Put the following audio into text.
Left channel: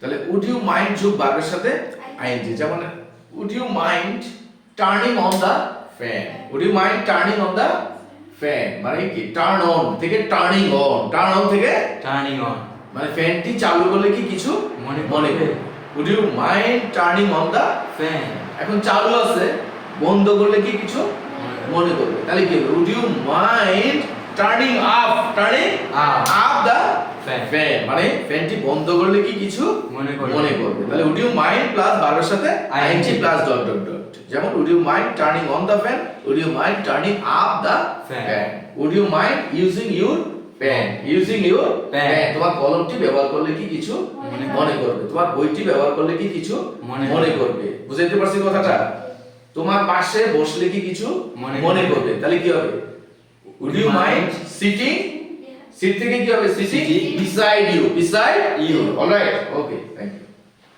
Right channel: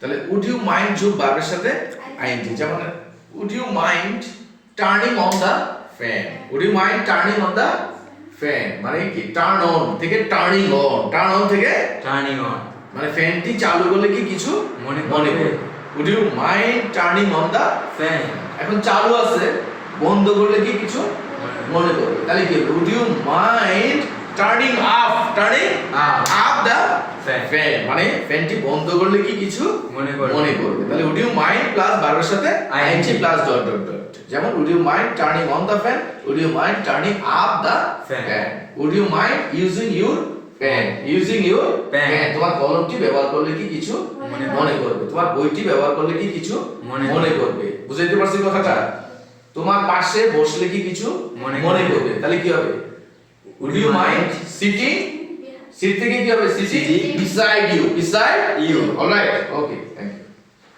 তাহলে would you mind যোগ ভার্বের সাথে আইএনজি, যেমন would you mind turning on the fan, would you mind turning on the fan মানে কি টার্ন অন থেকে টার্নিং অন, টার্ন অন থেকে টার্নিং অন মানে ফ্যানটি চালু করলে কি কিছু মনে মনে করবে। করবে। Would you mind turning on the fan এখন চালু আছে বন্ধ করলে কি কিছু মনে করবে, তাহলে কি হবে would you mind turning up, turning Up. Up the Fan. Fan মানে ফ্যানটি বন্ধ করলে কি কিছু মনে করবে। মনে করবে। তাহলে উড ইউ মাইন্ড প্লাস ভার্বের সাথে ING plus dot dot dot, যেমন would you mind turning on the fan, would you mind turning up the Fan. Fan, would you mind using your pen, using your Pen. Pen তোমার কলমটি ব্যবহার করলে কি কিছু মনে করবে, তোমার বইটি ব্যবহার করলে কি কিছু মনে করবে। বুঝাইতে পারছি কথাটা? তোমার পাশে বসলে কি কিছু মনে করবে, তাহলে কি হবে would you mind sitting, seat থেকে কি হবে sitting Sitting. beside you, beside You. Alright okay thank you.